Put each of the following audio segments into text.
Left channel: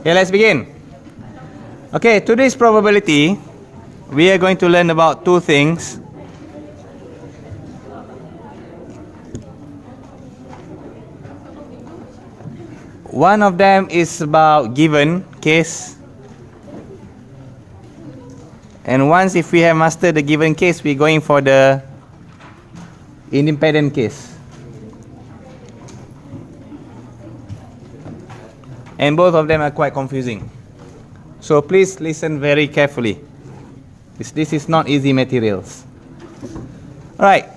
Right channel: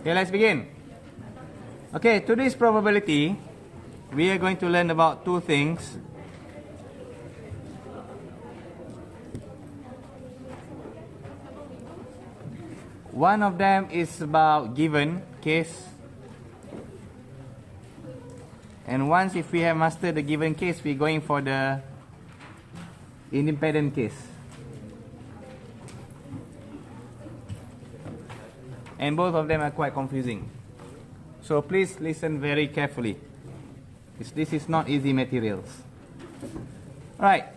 Okay, let's begin. Okay, today's probability, we are going to learn about two things. One of them is about given case. And once if we have mastered the given case, we're going for the independent case. And both of them are quite confusing. So please listen very carefully. This is not easy materials. Alright,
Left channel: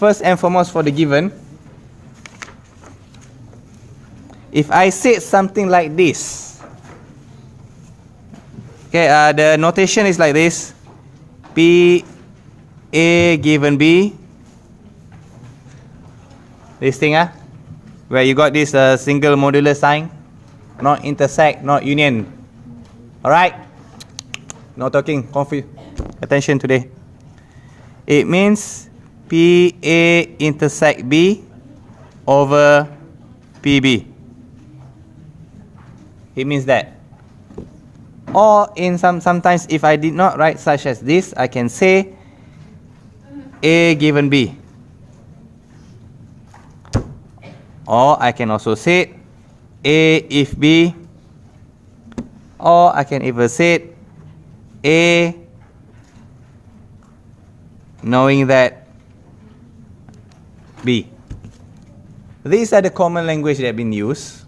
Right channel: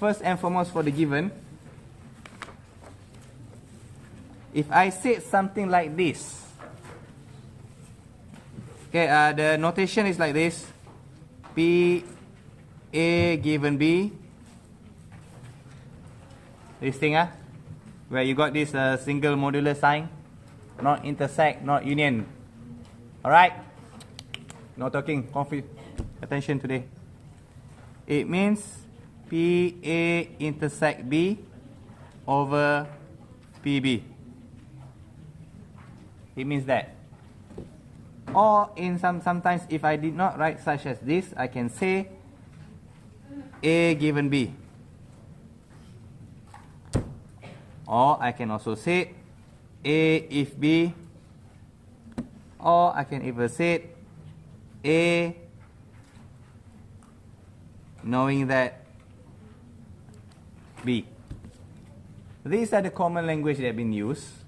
first and foremost for the given. If I say something like this, okay, the notation is like this. P A given B. This thing, where you got this single modular sign, not intersect, not union. Alright? No talking, attention today. It means PA intersect B over PB. It means that. Or in sometimes if I did not write such as this, I can say A given B. Or I can also say A if B. Or I can even say A knowing that B. These are the common language that have been used,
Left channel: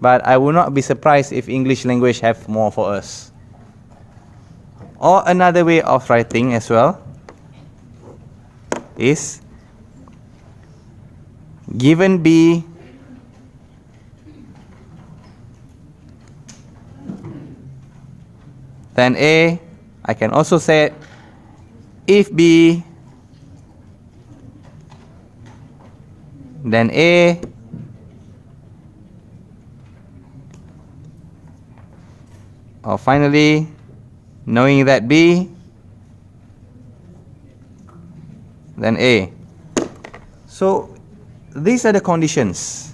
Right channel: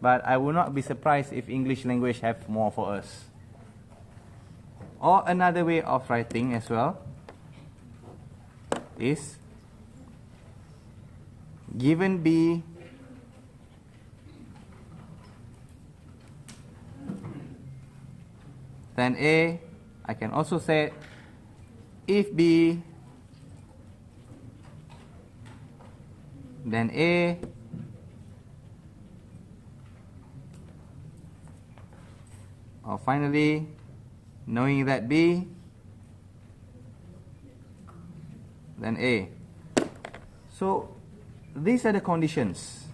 but I will not be surprised if English language have more for us. Or another way of writing as well is given B then A. I can also say if B then A or finally knowing that B then A. So these are the conditions.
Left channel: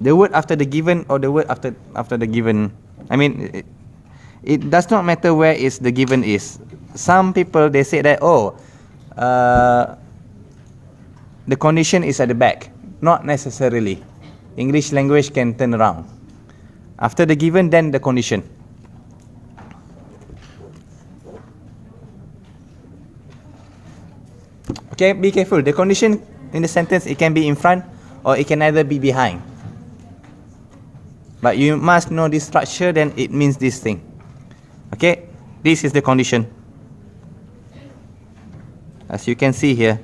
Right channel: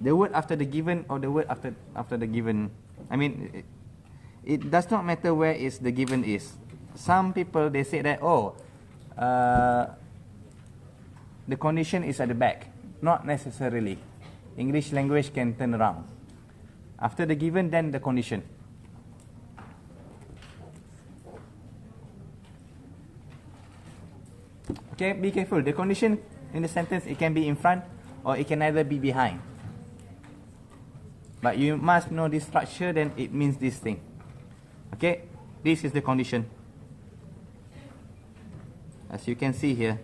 The word after the given or the word after the given. I mean, it does not matter where is the given is. Some people they say that the condition is at the back. Not necessarily. English language can turn around. After the given, then the condition. Okay, be careful. The condition in the sentence, it can be in front or it can either be behind. But you must know this structure, then it means this thing. Okay, this is the condition. As you can see here.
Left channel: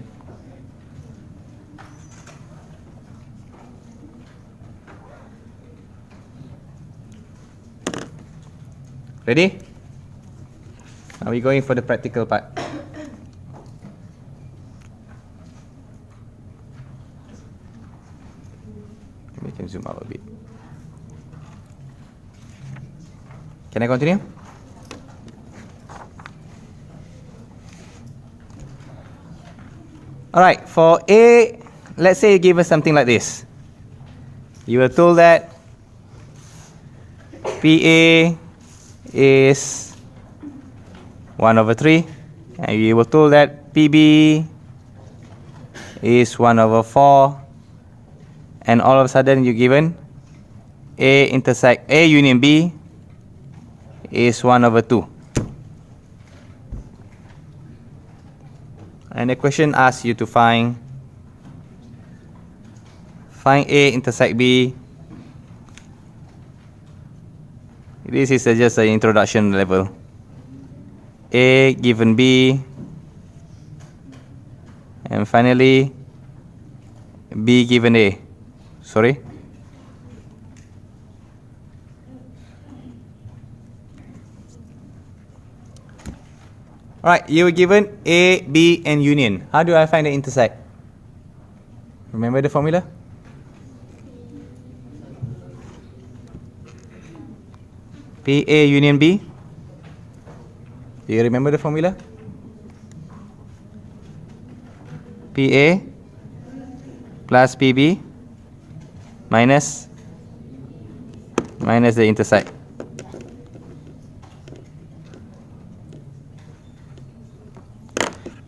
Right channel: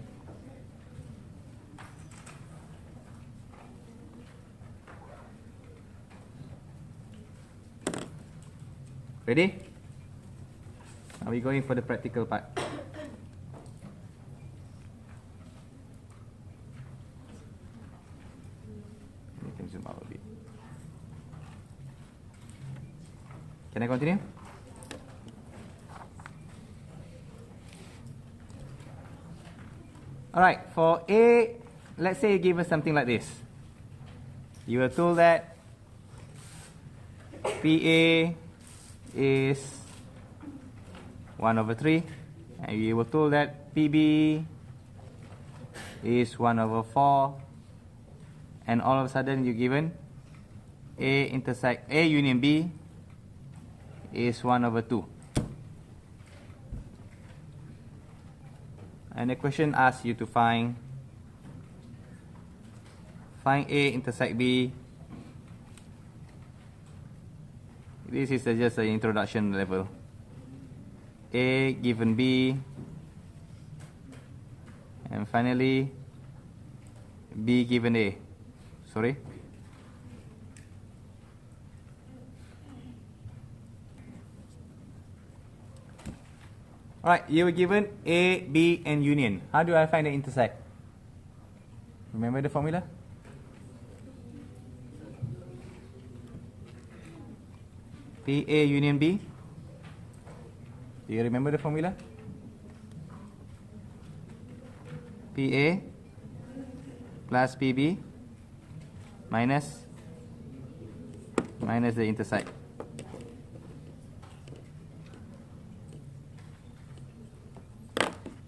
Ready? Are we going for the practical part? We can zoom out a bit. Can I continue? Alright, for A, let's say you give us something like this. You were told that PA is 1 over 3, and you were told that PB is 1 over 4, and all of a sudden you're given A intersect A union B is 1 over 2. And the question asks you to find A intersect B. This is just an introduction level. A given B, and finally B given A. Sorry. Alright, you were given A, B, and union. How do I find the intersect? Remember the formula? PA union B. Do you remember the formula? PA plus PB minus the intercept.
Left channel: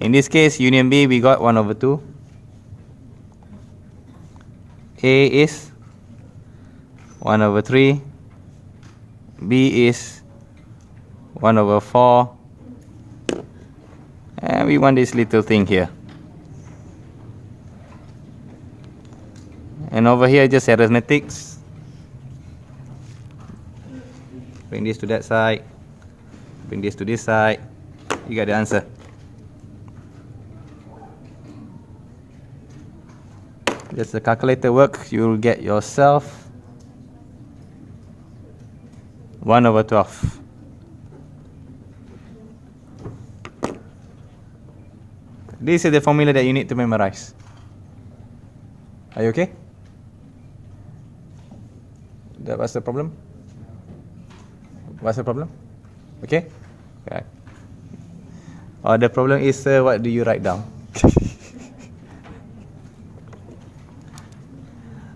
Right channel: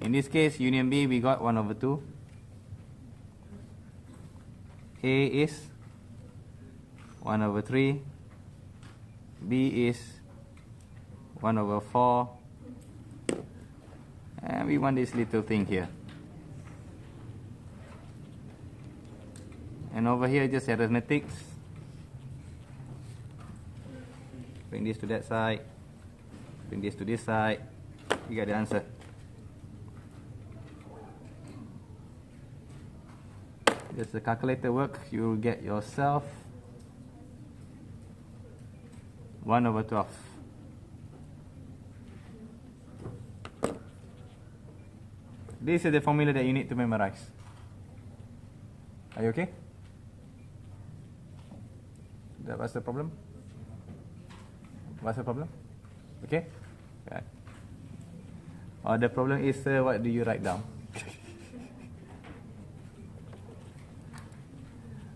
In this case, union B, we got 1 over 2. A is 1 over 3. B is 1 over 4. And we want this little thing here. And over here, just arithmetics. Bring this to that side. Bring this to this side. You got the answer. Just the calculator work, you'll get yourself 1 over 12. This is the formula that you need to memorize. Are you okay? What's the problem? What's the problem? Okay? Okay. Or the problem is, what do you write down?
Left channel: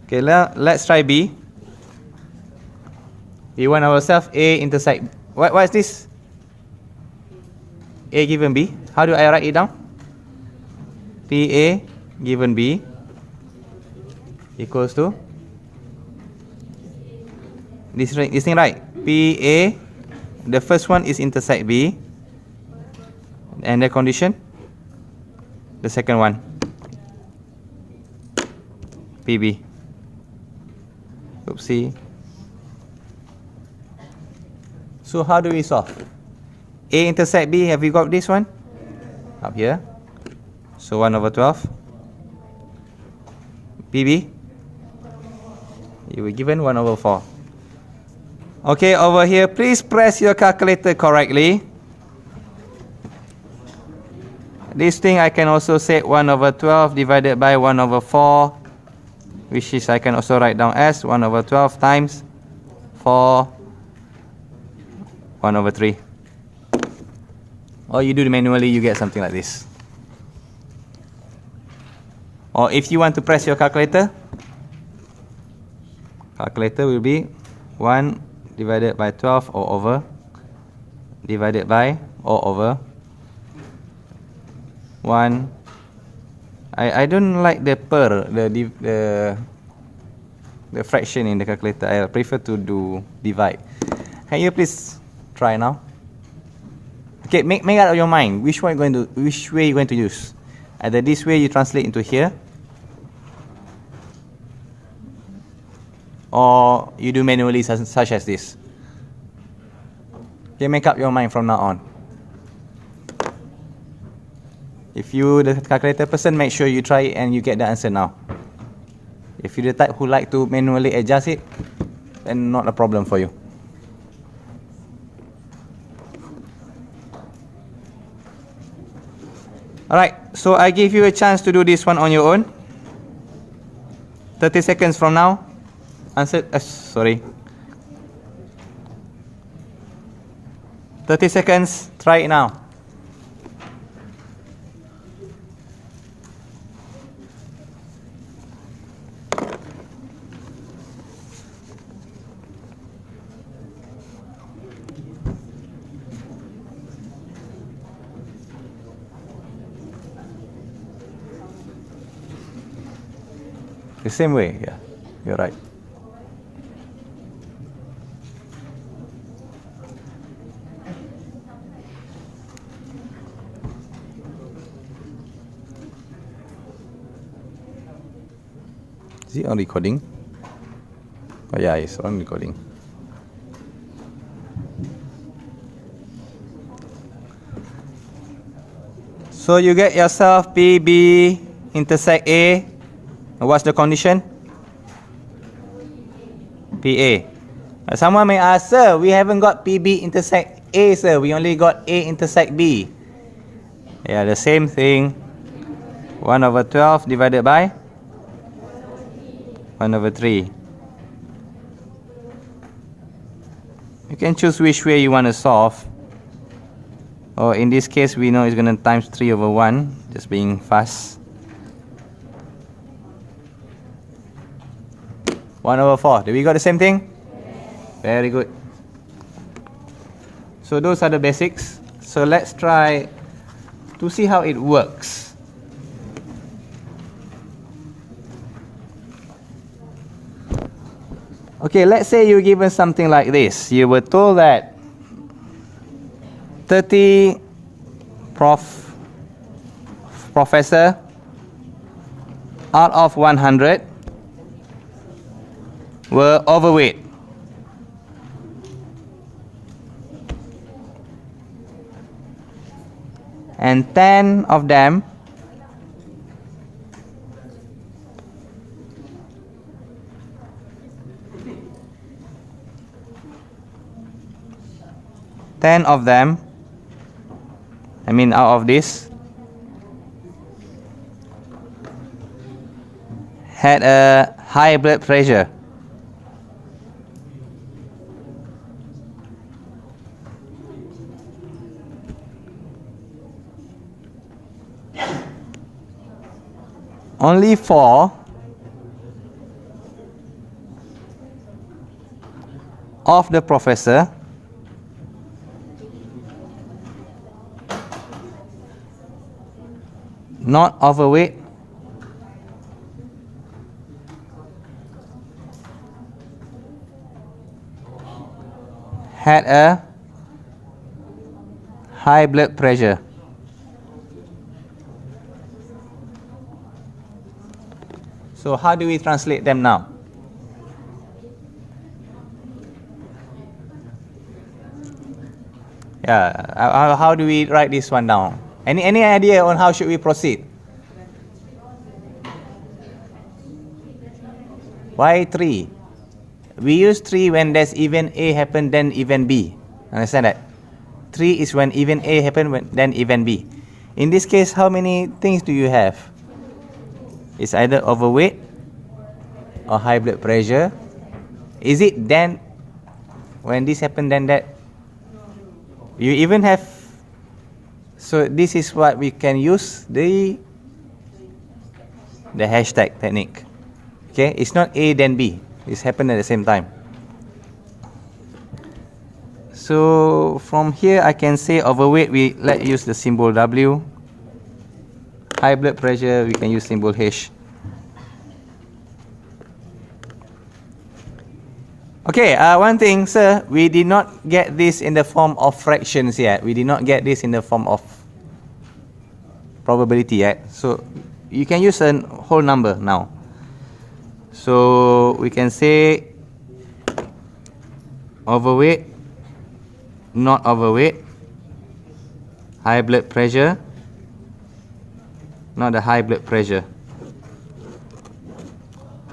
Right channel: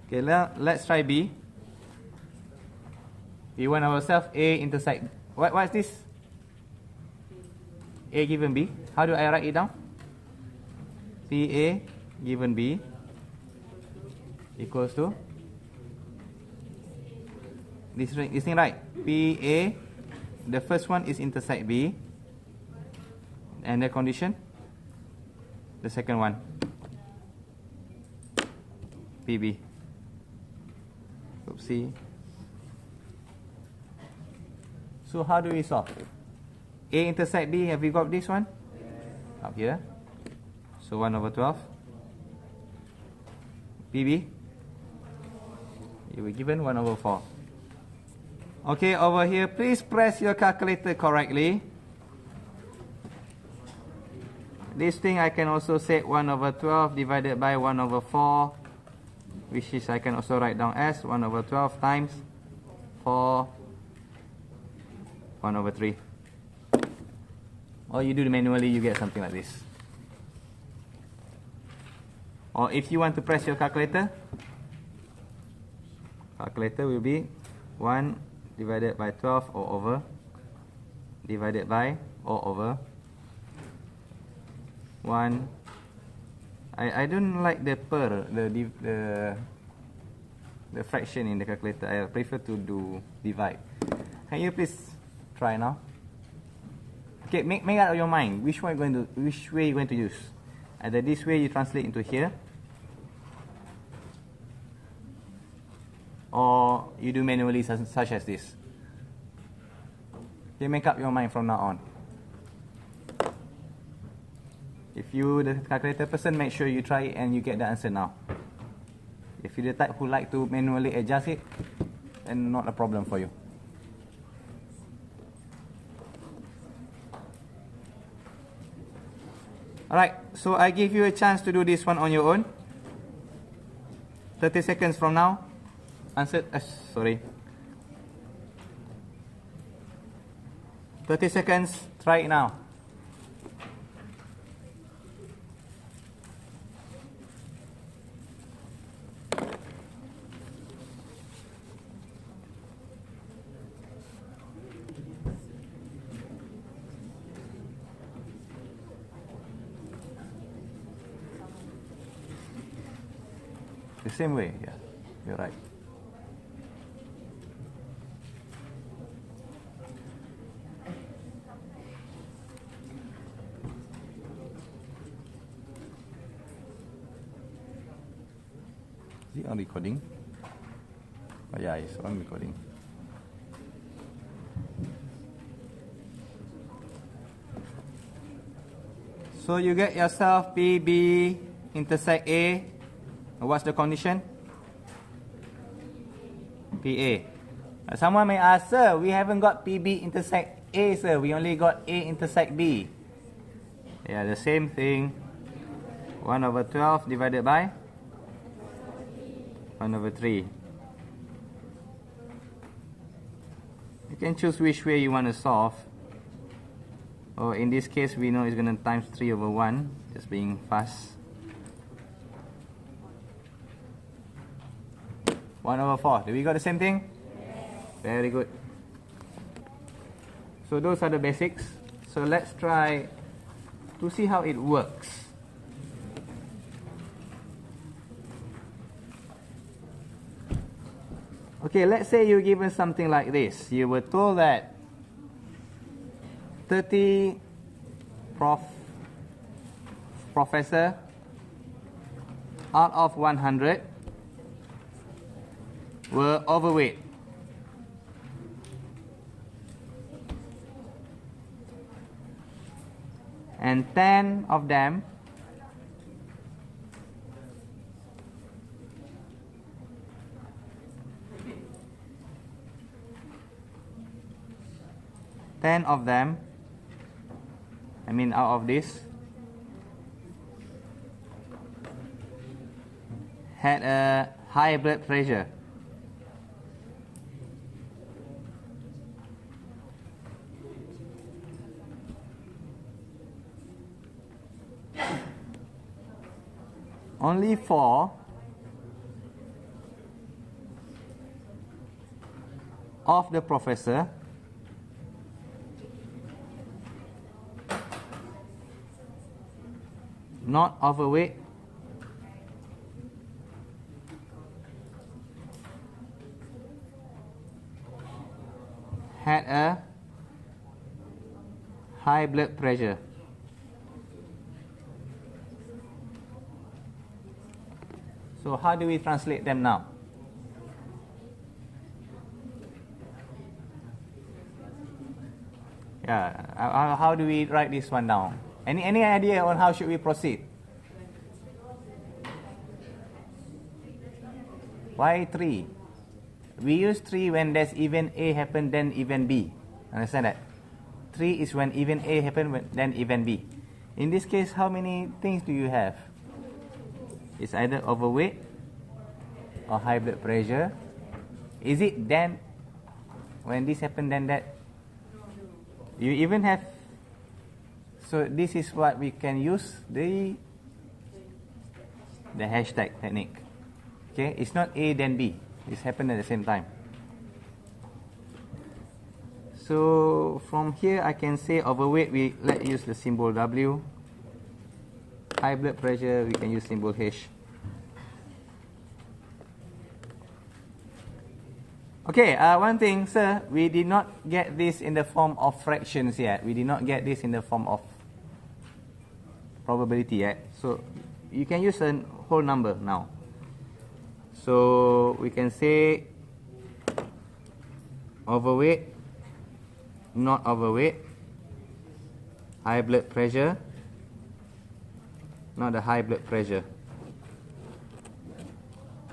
Okay, let's try B. We want ourselves A intersect. What is this? A given B. How do I write it down? PA given B equals to this thing, right? PA, the first one is intersect B, and the condition, the second one, PB. Oopsie. So how do we solve? A intersect B, have we got this one? Up here. So 1 over 12. PB, you were given 1 over 4. Okay, over here, please press your calculator correctly. This thing I can also say 1 over 12 divided by 1 over 4, which is I can also write down as 1 over 12 times 4, 1 over 3. Or you do it manually, you get something like this. Or if you want to press your calculator, calculator will be 1 divided by 12 all over, divided by all over 1. I don't like the fraction in the calculator. I prefer to do divide. Can you please try now? Okay, make out of your mind which way you're going to use. Either this way you translate into here, or you do manually such as this. Okay, make up your mind from now on. If you the calculator person, make sure you try it and you get the answer now. If you're the type who like to manually adjust it, then not a problem for you. Alright, so I give you a chance to do this one on your own. 30 seconds from now. Answer, sorry. 30 seconds, try it now. The same way, yeah, you're right. Is it on recording? Oh yeah, it's on recording. So you get yourself PB intersect A. What's the condition? PA. Someone may ask, sir, we haven't got PB intersect A, sir. We only got A intersect B. Yeah, the same thing. 1 over 12 divided by 1 over 3. You can choose which way you want to solve. Or in this case, we know it's going to times 3 over 1, just being fast. 1 over 4. Do we got the same thing? Very good. So those are the basics. So let's try to see how it works. Okay, let's say you're given something like this. You were told that 30 professor out of 100 were overweight. And 10 of them out of this had a high blood pressure. Only 4 of the professor not overweight had a high blood pressure. So how do we translate them now? Yeah, how do we write this one down? Any idea on how should we proceed? Why 3? We use 3 when there's event A happen, then event B. Understand that? 3 is when event A happen, then event B. In this case, how many things do you have? It's either overweight or high blood pressure. Is it then when this happen, then that? You even have. So this is what we can use the hashtag technique. Okay, it's not A then B. It's happened at the same time. So from here I can say overweight, let's use the symbol W. High blood pressure, we can use symbol H. Okay, one thing, sir, we did not get this in the form of fractions yet. We did not get this in the form of probability yet. So you can use a whole number now. So we can say overweight, not overweight, high blood pressure, not the high blood pressure.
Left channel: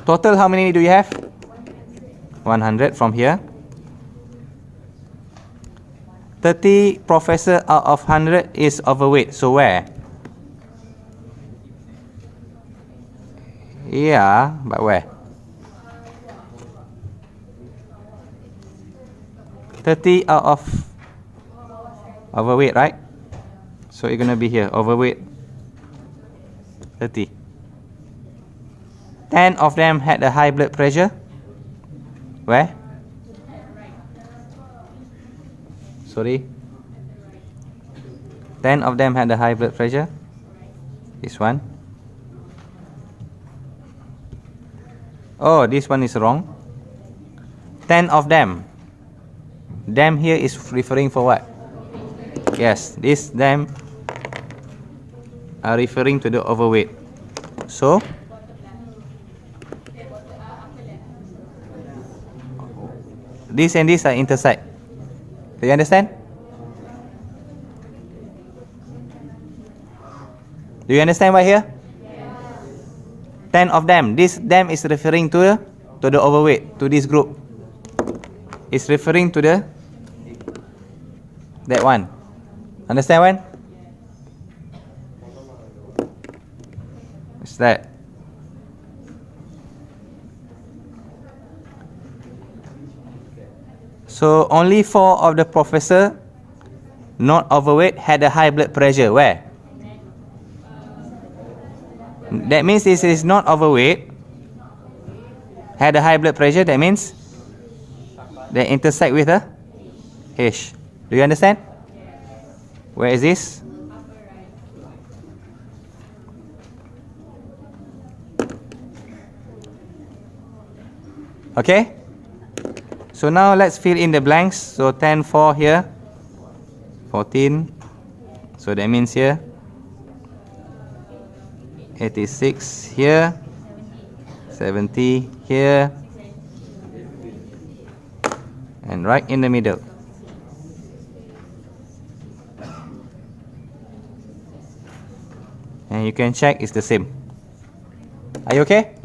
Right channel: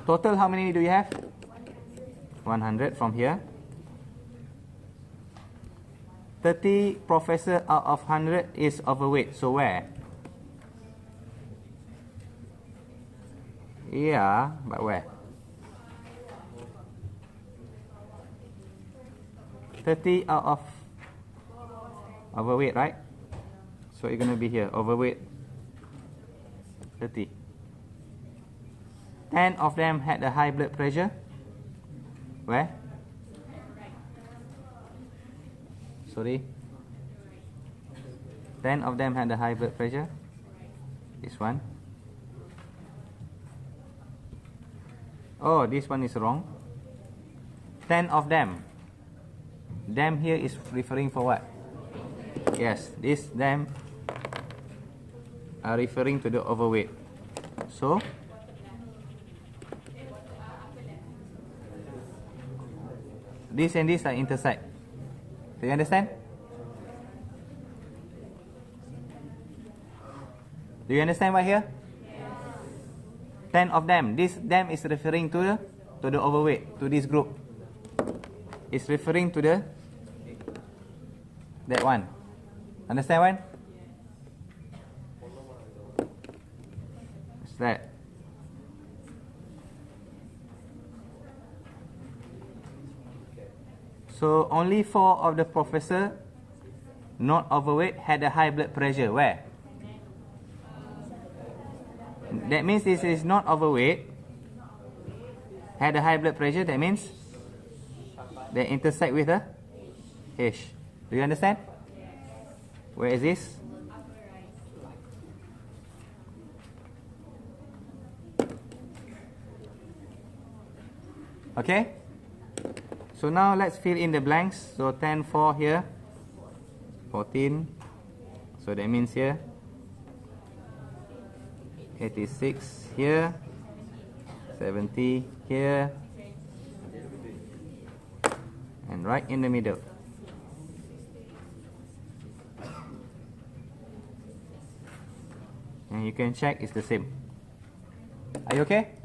Total, how many do you have? 100 from here. 30 professor out of 100 is overweight. So where? Yeah, but where? 30 out of overweight, right? So it's gonna be here, overweight 30. 10 of them had a high blood pressure. Where? Sorry. 10 of them had a high blood pressure. This one. Oh, this one is wrong. 10 of them. Them here is referring for what? Yes, this them are referring to the overweight. So this and this are intersect. Do you understand? Do you understand right here? 10 of them. This them is referring to the overweight, to this group. It's referring to that one. Understand one? It's that. So only 4 of the professor not overweight had a high blood pressure. Where? That means this is not overweight, Had a high blood pressure, that means they intersect with a H. Do you understand? Where is this? Okay? So now let's fill in the blanks. So 10, 4 here. 14. So that means here. 86 here. 70 here. And right in the middle. And you can check it's the same. Are you okay?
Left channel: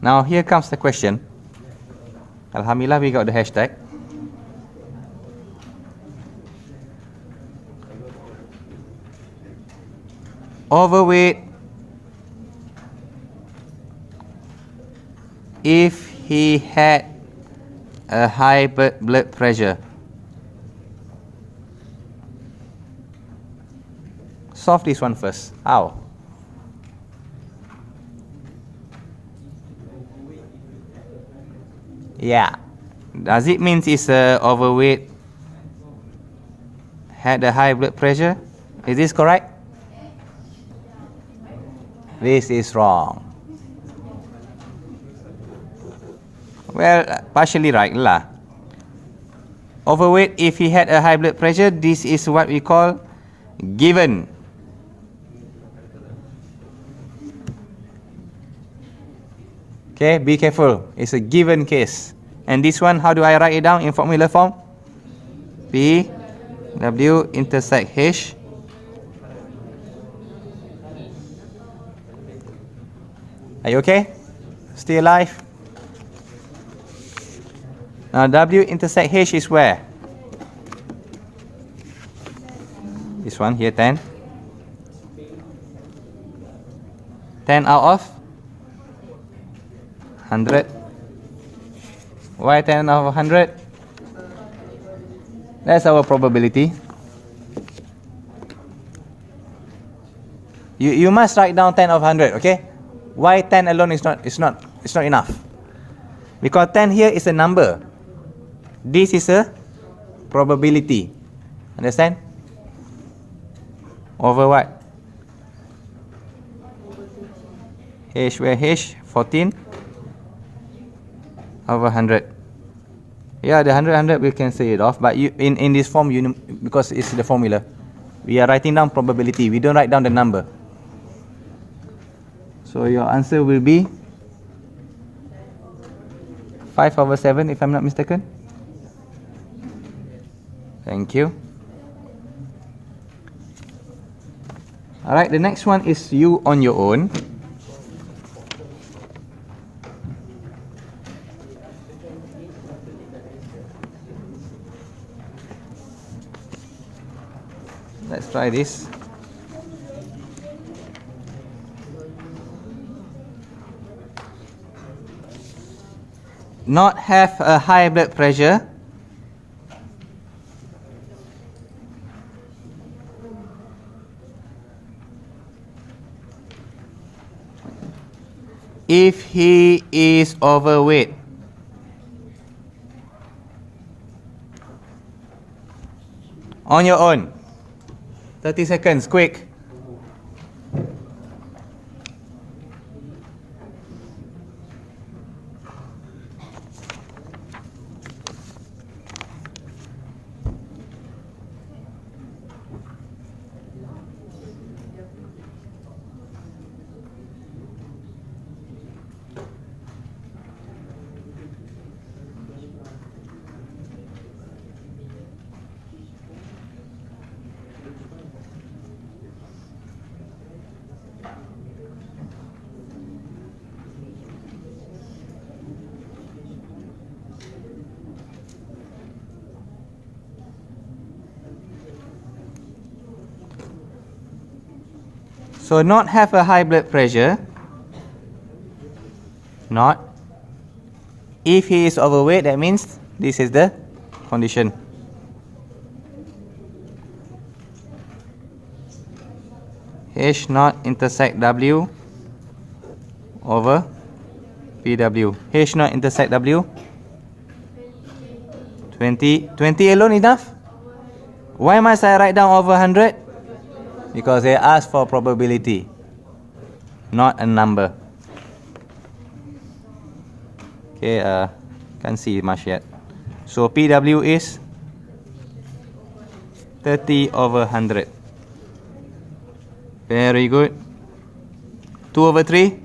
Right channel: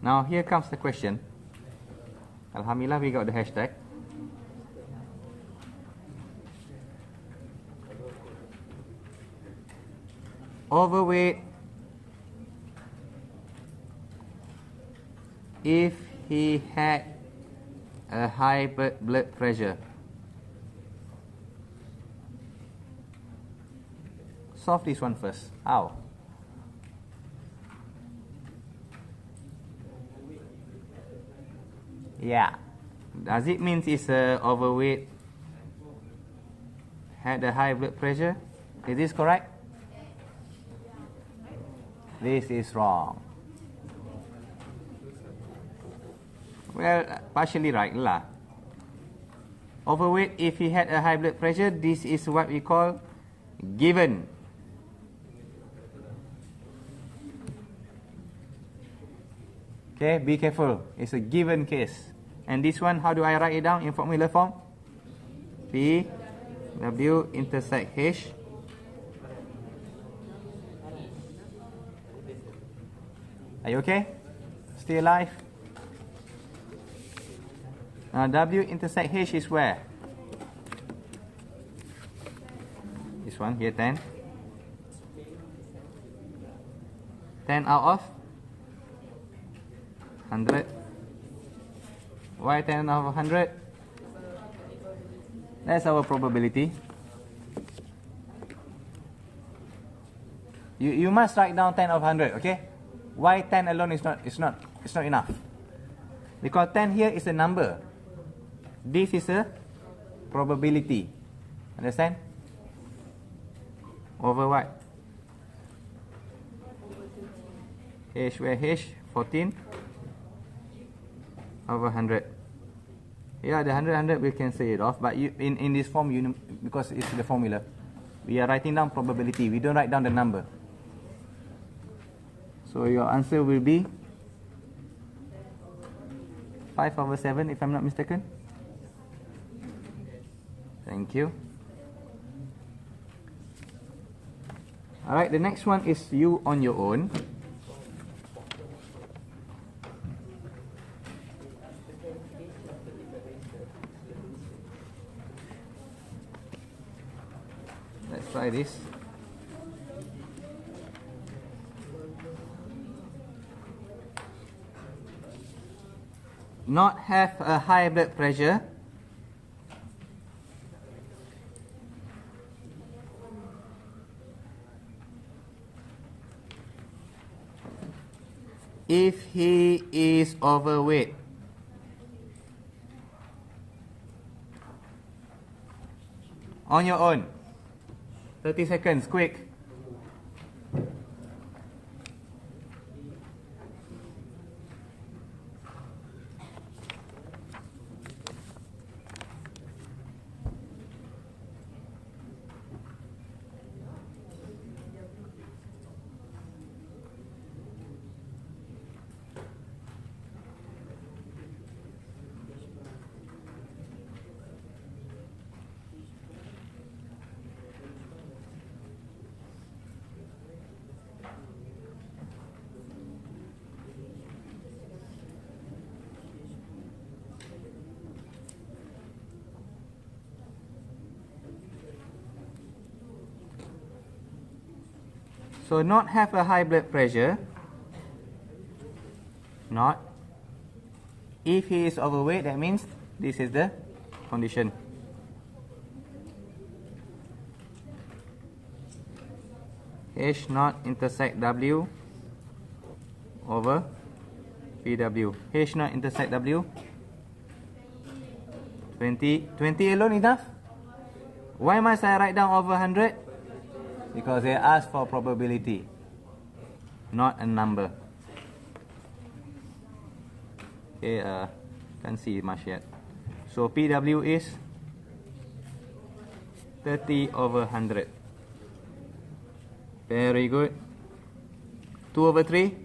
Now here comes the question. Alhamdulillah, we got the hashtag. Overweight if he had a high blood pressure. Solve this one first. How? Yeah. Does it mean it's overweight, had a high blood pressure? Is this correct? This is wrong. Well, partially right lah. Overweight if he had a high blood pressure, this is what we call given. Okay, be careful. It's a given case. And this one, how do I write it down in formula form? P, W intersect H. Are you okay? Still alive? Now W intersect H is where? This one here, 10. 10 out of 100. Why 10 out of 100? That's our probability. You must write down 10 of 100, okay? Why 10 alone is not enough? Because 10 here is a number. This is a probability. Understand? Over what? H where H? 14 over 100. Yeah, the 100 we can say it off, but you, in this form, because it's the formula, we are writing down probability. We don't write down the number. So your answer will be 5 over 7, if I'm not mistaken. Thank you. Alright, the next one is you on your own. Let's try this. Not have a high blood pressure. If he is overweight. On your own. 30 seconds, quick. So not have a high blood pressure. Not. If he is overweight, that means this is the condition. H naught intersect W over PW. H naught intersect W. 20. 20 alone enough? Why must I write down over 100? Because they asked for probability, not a number. Okay, can't see much yet. So PW is 30 over 100. Very good. 2 over 3?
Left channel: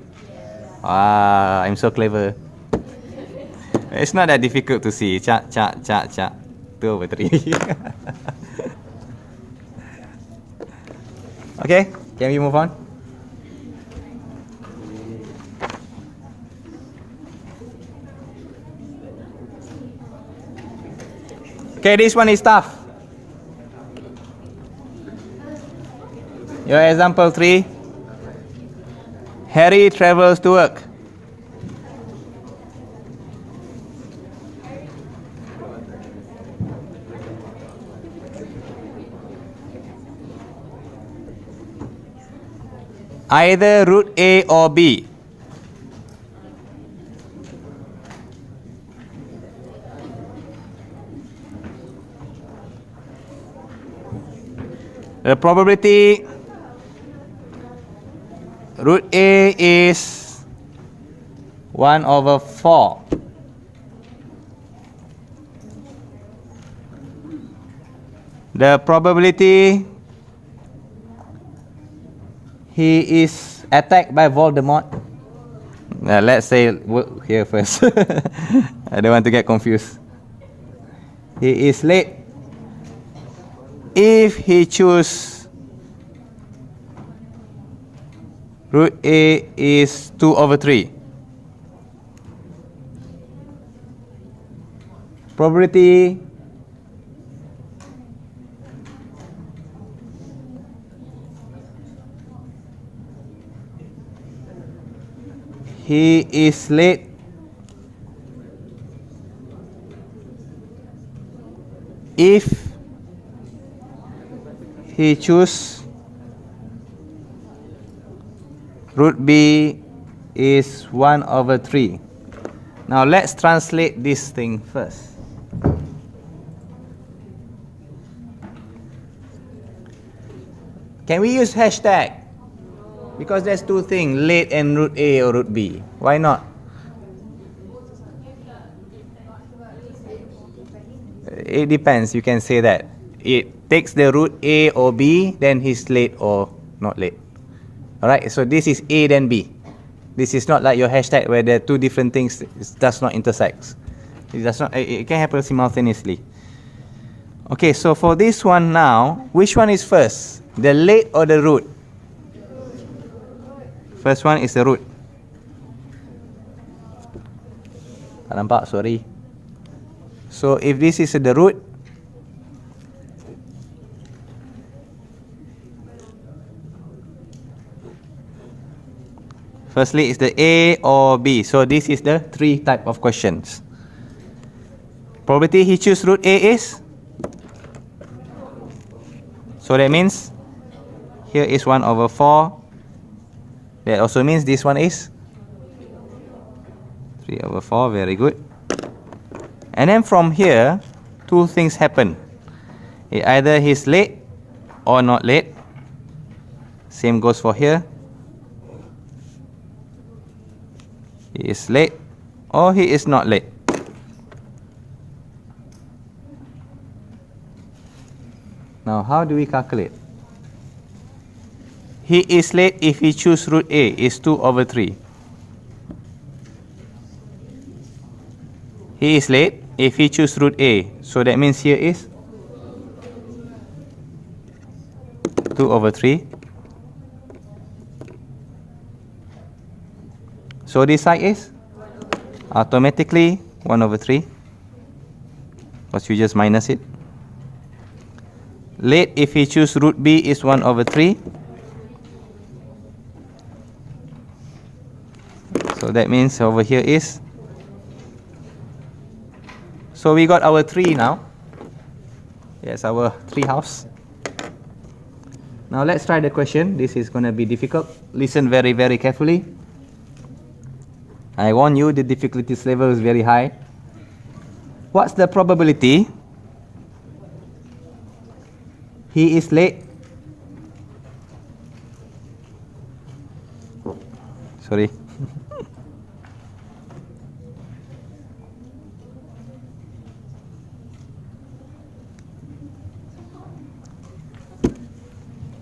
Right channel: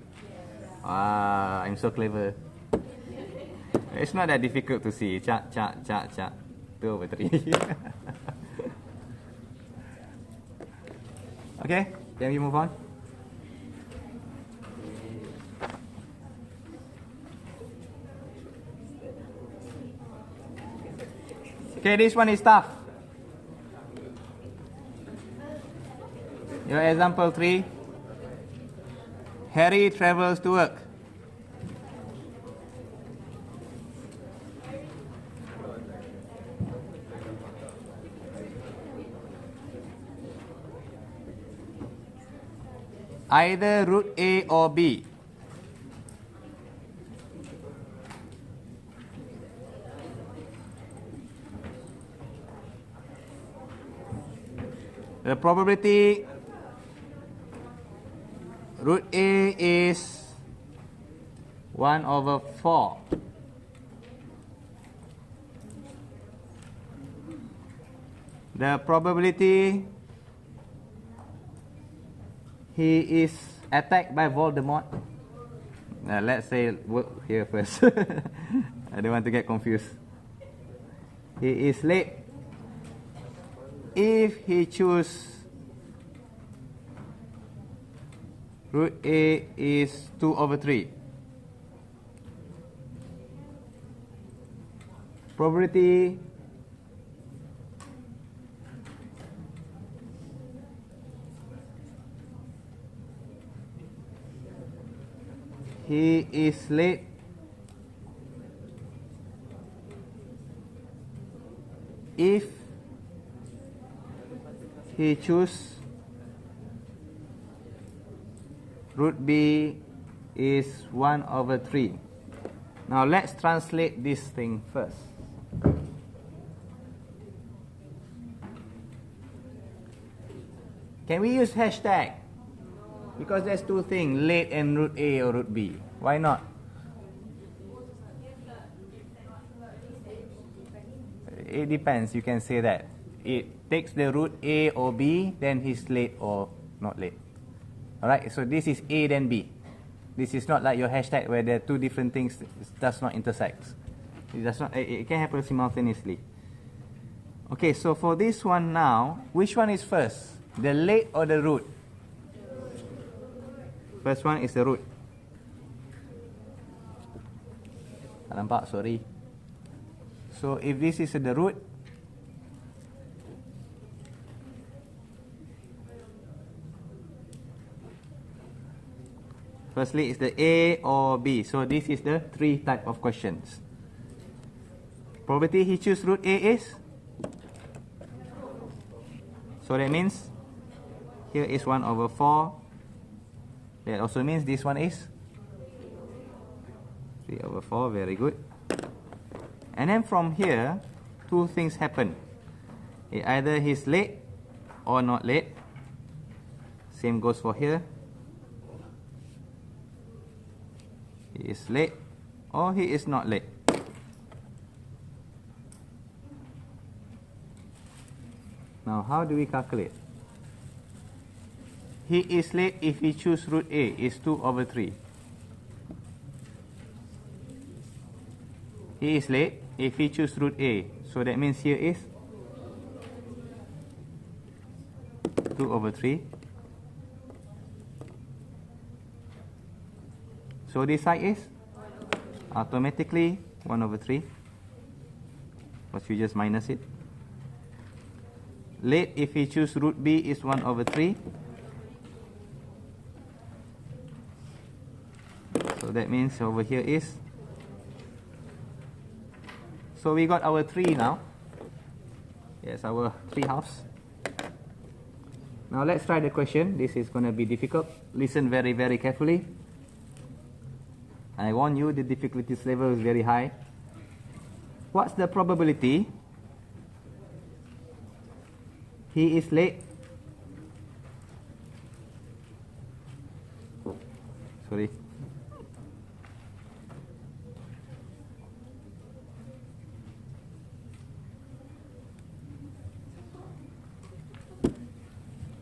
Ah, I'm so clever. It's not that difficult to see. Cha. 2 over 3. Okay, can we move on? Okay, this one is tough. Your example 3. Harry travels to work. Either root A or B. The probability root A is 1 over 4. The probability he is attacked by Voldemort. Let's say here first. I don't want to get confused. He is late. If he choose root A is 2 over 3. Probability he is late if he choose root B is 1 over 3. Now let's translate this thing first. Can we use hashtag? Because there's two things, late and root A or root B. Why not? It depends, you can say that. It takes the root A or B, then he's late or not late. Alright, so this is A then B. This is not like your hashtag where there are two different things, it does not intersect. It can happen simultaneously. Okay, so for this one now, which one is first? The late or the root? First one is the root. Tak nampak, sorry. So if this is the root, firstly is the A or B. So this is the 3 type of questions. Probability he choose root A is? So that means here is 1 over 4. That also means this one is 3 over 4, very good. And then from here, two things happen. Either he's late or not late. Same goes for here. He is late or he is not late. Now, how do we calculate? He is late if he choose root A is 2 over 3. He is late if he choose root A. So that means here is 2 over 3. So this side is automatically 1 over 3. Because you just minus it. Late if he choose root B is 1 over 3. So that means over here is. So we got our 3 now. Yes, our 3 house. Now let's try the question. This is going to be difficult. Listen very, very carefully. I warn you, the difficulty level is very high. What's the probability he is late? Sorry.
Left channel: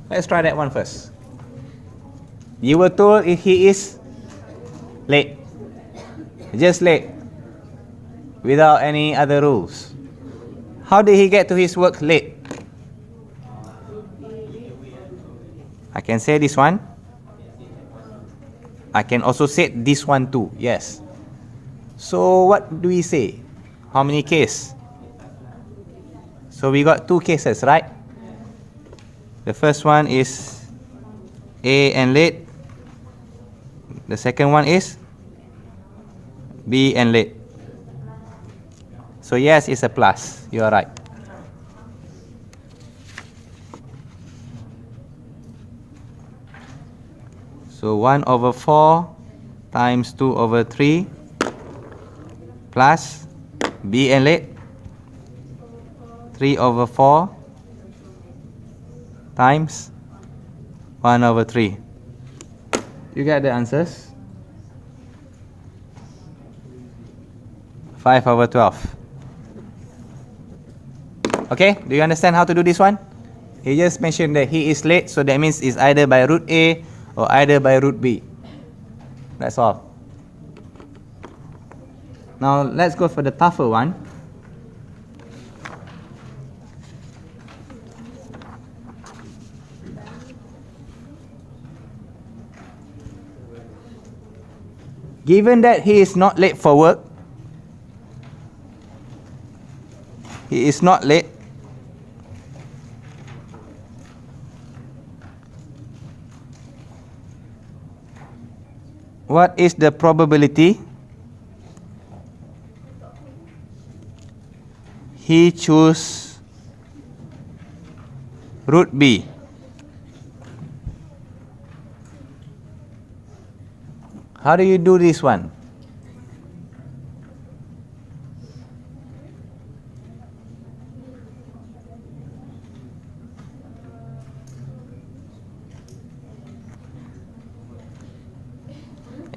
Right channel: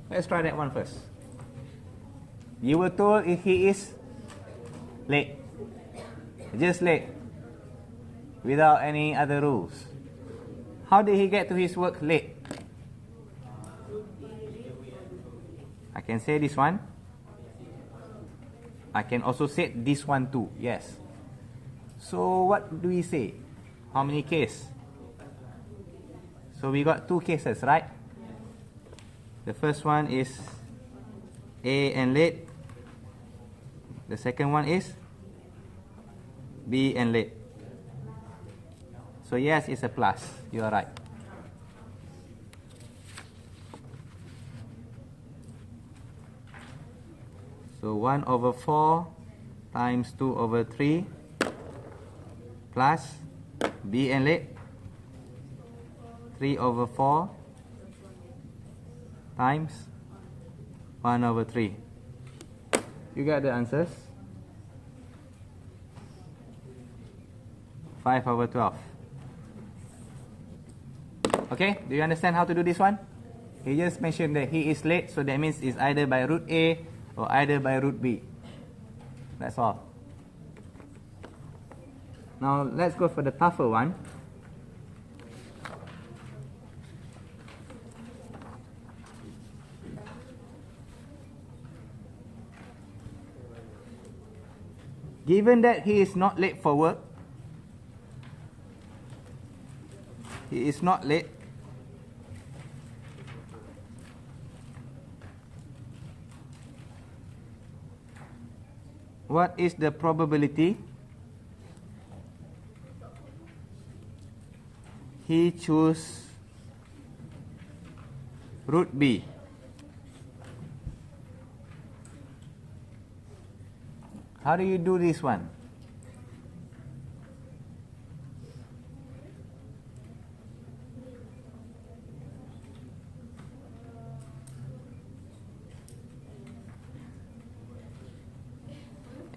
Let's try that one first. You were told if he is late. Just late. Without any other rules. How did he get to his work late? I can say this one. I can also say this one too. Yes. So what do we say? How many cases? So we got two cases, right? The first one is A and late. The second one is B and late. So yes, it's a plus. You are right. So 1/4 times 2/3 plus B and late 3/4 times 1/3. You get the answers. 5/12. Okay, do you understand how to do this one? He just mentioned that he is late, so that means it's either by root A or either by root B. That's all. Now let's go for the tougher one. Given that he is not late for work, he is not late. What is the probability he choose root B? How do you do this one?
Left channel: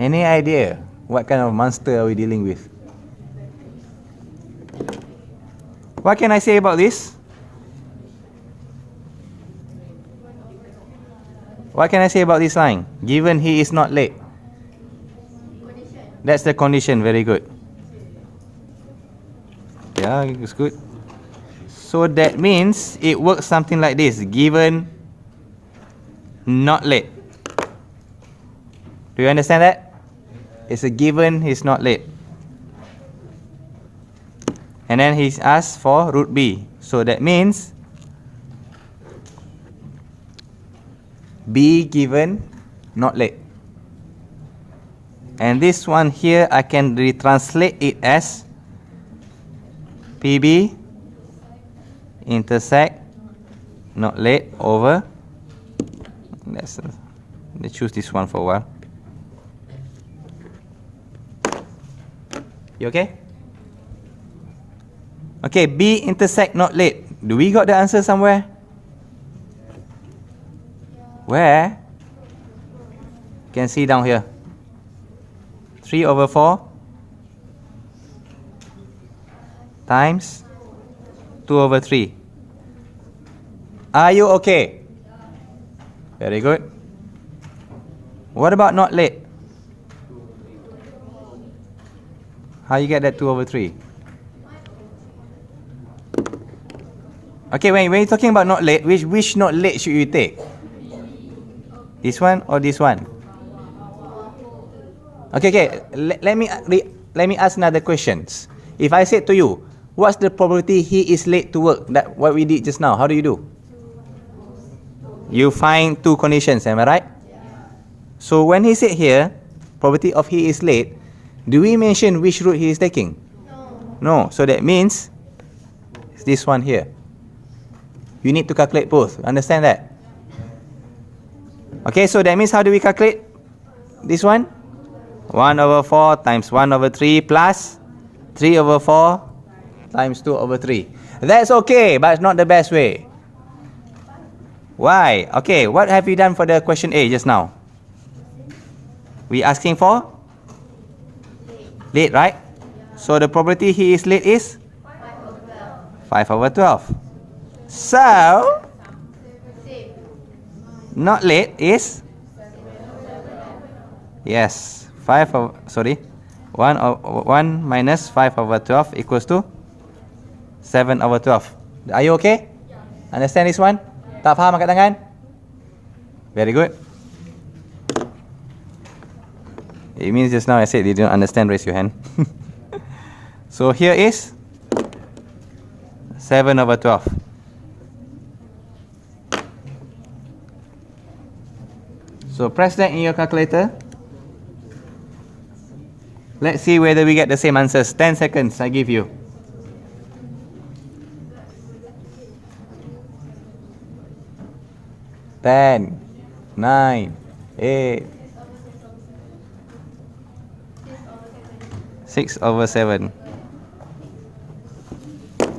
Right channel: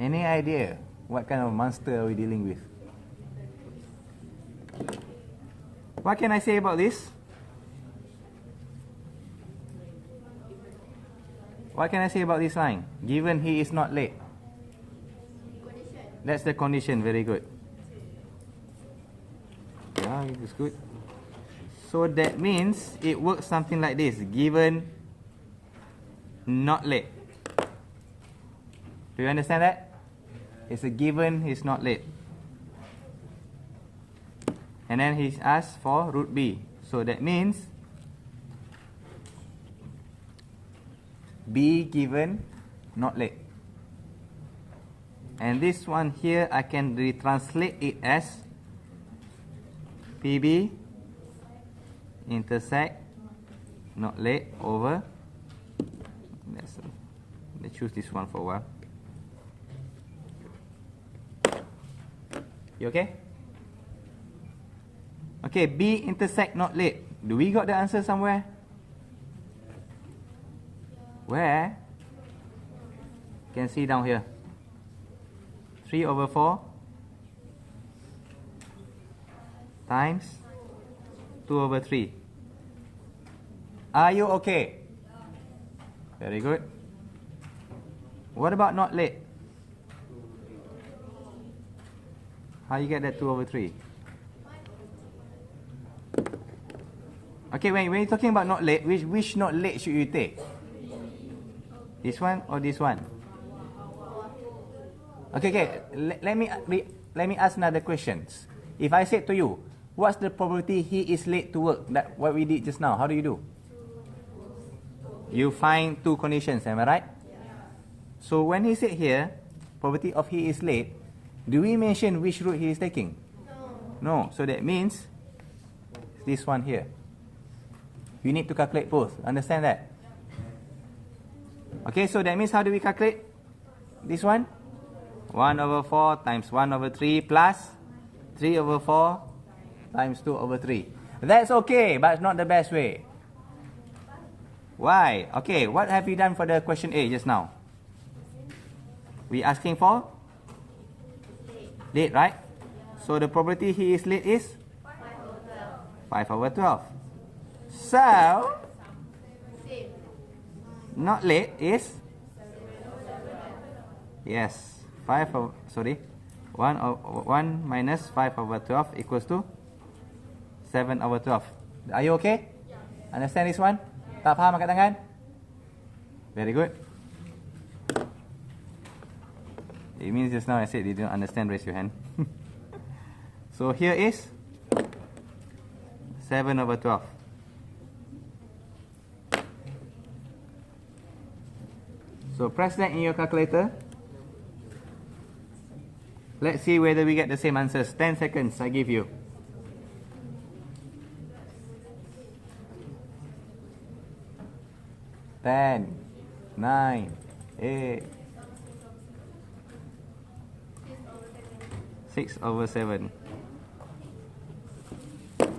Any idea what kind of monster are we dealing with? What can I say about this? What can I say about this line? Given he is not late. That's the condition. Very good. Yeah, it's good. So that means it works something like this. Given not late. Do you understand that? It's a given he's not late. And then he's asked for root B. So that means B given not late. And this one here, I can retranslate it as PB intersect not late over. Let's choose this one for a while. You okay? Okay, B intersect not late. Do we got the answer somewhere? Where? You can see down here. 3/4 times 2/3. Are you okay? Very good. What about not late? How you get that 2/3? Okay, when you're talking about not late, which not late should you take? This one or this one? Okay. Let me ask another question. If I said to you, what's the probability he is late to work? That what we did just now. How do you do? You find two conditions. Am I right? So when he said here, probability of he is late, do we mention which route he is taking? No. So that means it's this one here. You need to calculate both. Understand that? Okay, so that means how do we calculate this one? 1 over 4 times 1 over 3 plus 3 over 4 times 2 over 3. That's okay, but it's not the best way. Why? Okay, what have we done for the question A just now? We asking for late, right? So the probability he is late is 5 over 12. So not late is, yes, 1 minus 5 over 12 equals to 7 over 12. Are you okay? Understand this one? Tak faham angkat tangan? Very good. It means just now I said you don't understand, raise your hand. So here is 7 over 12. So press that in your calculator. Let's see whether we get the same answers. 10 seconds I give you. Ten, 9, 8, 6 over 7.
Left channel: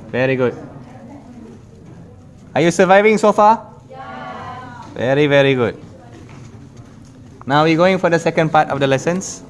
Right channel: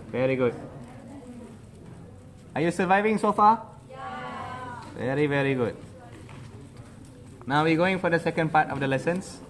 Very good. Are you surviving so far? Yeah. Very, very good. Now we're going for the second part of the lessons.